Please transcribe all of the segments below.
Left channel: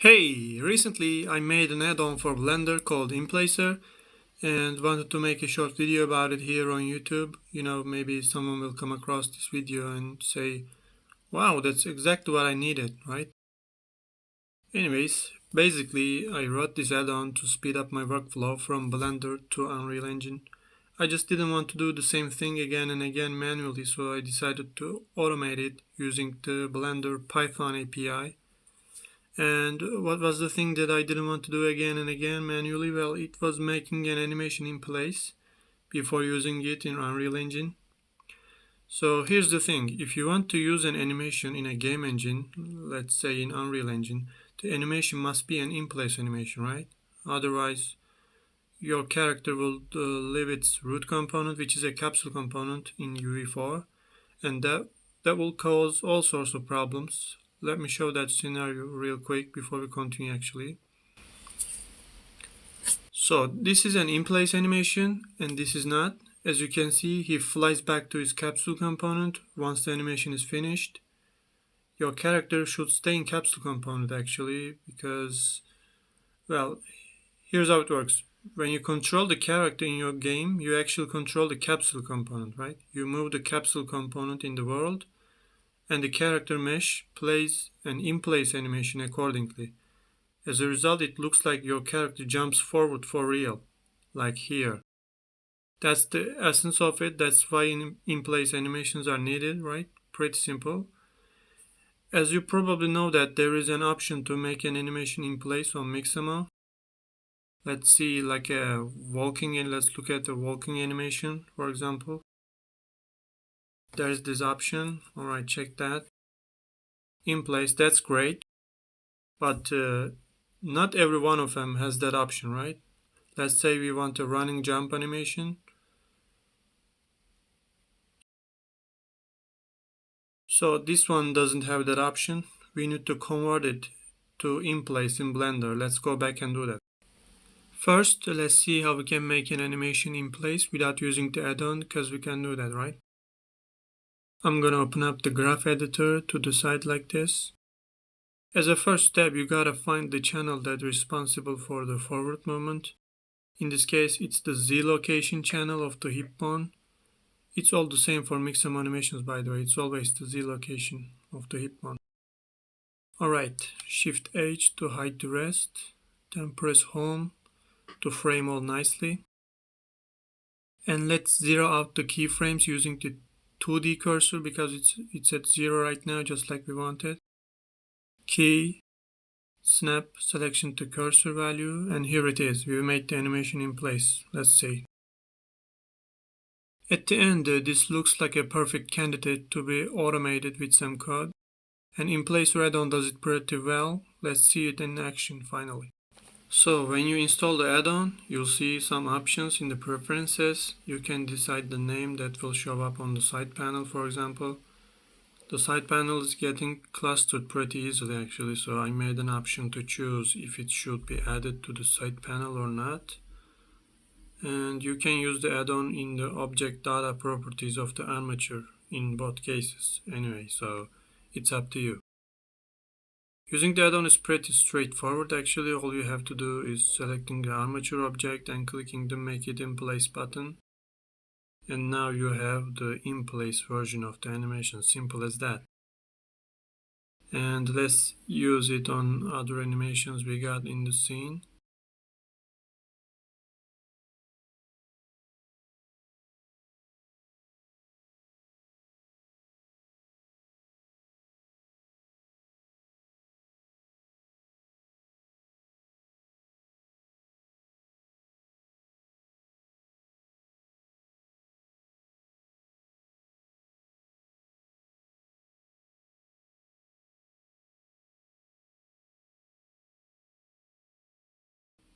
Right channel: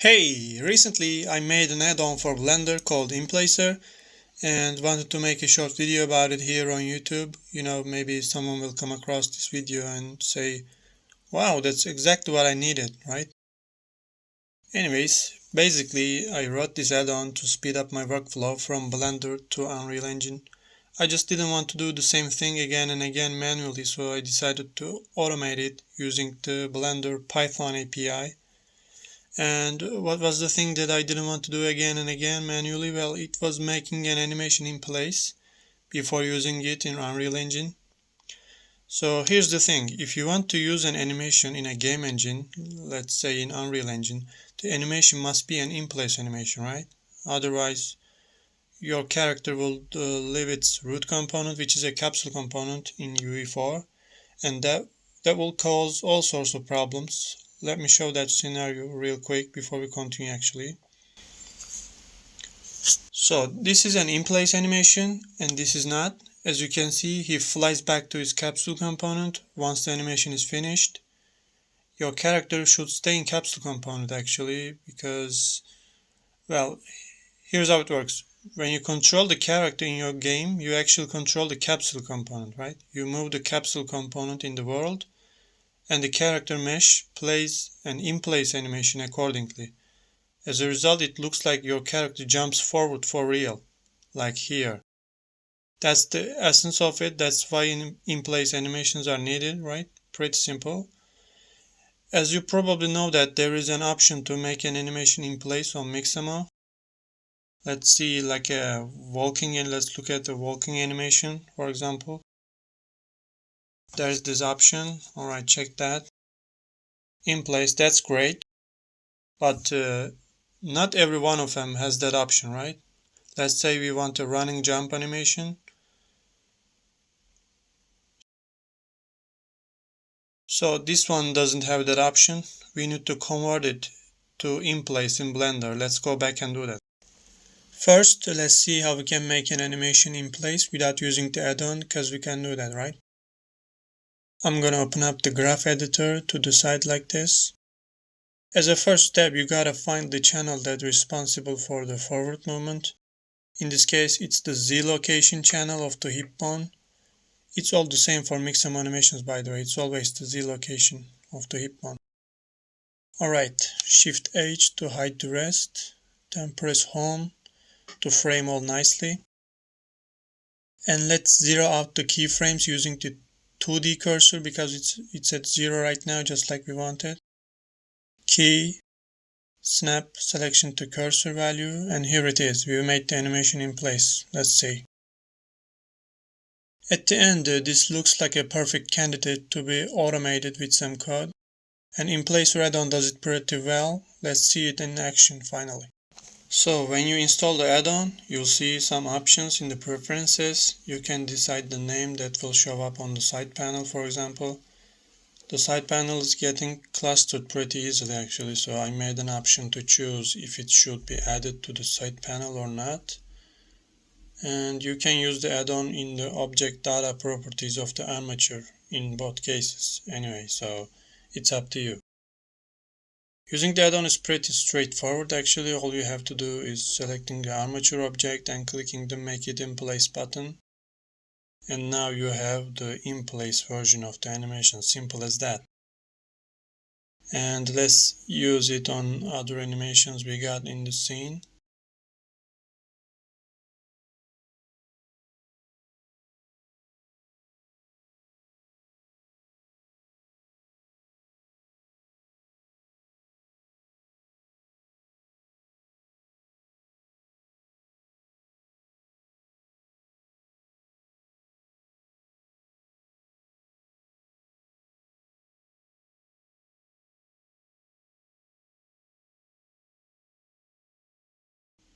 Hey, recently I made an add-on for Blender called InPlacer and wanted to make a short video about it here on YouTube. Maybe someone will come across this video and say, wow, that's exactly what I needed, right? Anyways, basically I wrote this add-on to speed up my workflow from Blender to Unreal Engine. I just didn't want to do the same thing again and again manually, so I decided to automate it using the Blender Python API. And what was the thing that I didn't want to do again and again manually? Well, it was making an animation in place before using it in Unreal Engine. So here's the thing, if you want to use an animation in a game engine, let's say in Unreal Engine, the animation must be an in-place animation, right? Otherwise, your character will leave its root component, which is a capsule component in UE4, and that will cause all sorts of problems. Let me show that scenario real quick before we continue actually. So this is an in-place animation and this is not. As you can see, he flies back to his capsule component once the animation is finished. Your character should stay in capsule component actually because, well, here's how it works. When you control the character in your game, you actually control the capsule component, right? You move the capsule component in the world and the character mesh plays an in-place animation accordingly. As a result, it looks like your character jumps forward for real, like here. That's the essence of it. That's why in-place animations are needed, right? Pretty simple. As you probably know that there is an option to make an animation in place on Mixamo. Let's see like a walking and let's look at the walking animation, for example. There's this option. All right, check that. In place, that's great. But not every one of them has that option, right? Let's say we want a running jump animation. So this one doesn't have that option. We need to convert it to in place in Blender. Let's go back and do that. First, let's see how we can make an animation in place without using the add-on, because we can do that, right? I'm gonna open up the graph editor to the side like this. As a first step, you gotta find the channel that's responsible for the forward movement. In this case, it's the Z location channel of the hip bone. It's all the same for Mixamo animations, by the way. It's always the Z location of the hip bone. Alright, Shift H to hide the rest. Then press Home to frame all nicely. And let's zero out the keyframes using the 2D cursor because it's at 0 right now, just like we wanted. Key, snap selection to cursor value, and here it is. We made the animation in place. Let's see. At the end, this looks like a perfect candidate to be automated with some code. And InPlacer add-on does it pretty well. Let's see it in action finally. So when you install the add-on, you'll see some options in the preferences. You can decide the name that will show up on the side panel, for example. The side panel is getting clustered pretty easily actually, so I made an option to choose if it should be added to the side panel or not. And you can use the add-on in the object data properties of the armature in both cases anyway, so it's up to you. Using the add-on is pretty straightforward actually. All you have to do is selecting the armature object and clicking the Make It in Place button. And now you have the in place version of the animation, simple as that. And let's use it on other animations we got in the scene.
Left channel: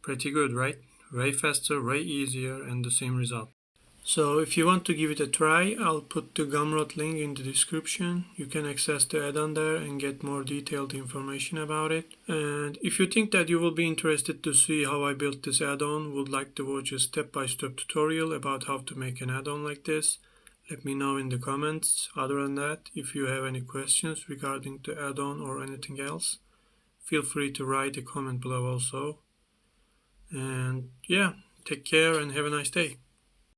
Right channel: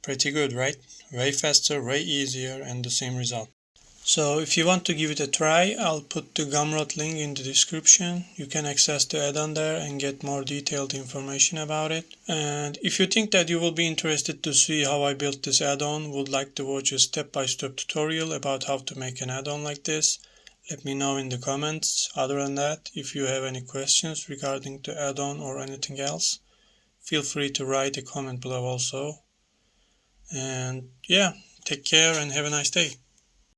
Pretty good, right? Way faster, way easier, and the same result. So if you want to give it a try, I'll put the Gumroad link in the description. You can access the add-on there and get more detailed information about it. And if you think that you will be interested to see how I built this add-on, would like to watch a step-by-step tutorial about how to make an add-on like this, let me know in the comments. Other than that, if you have any questions regarding the add-on or anything else, Feel free to write a comment below also. And yeah, take care and have a nice day.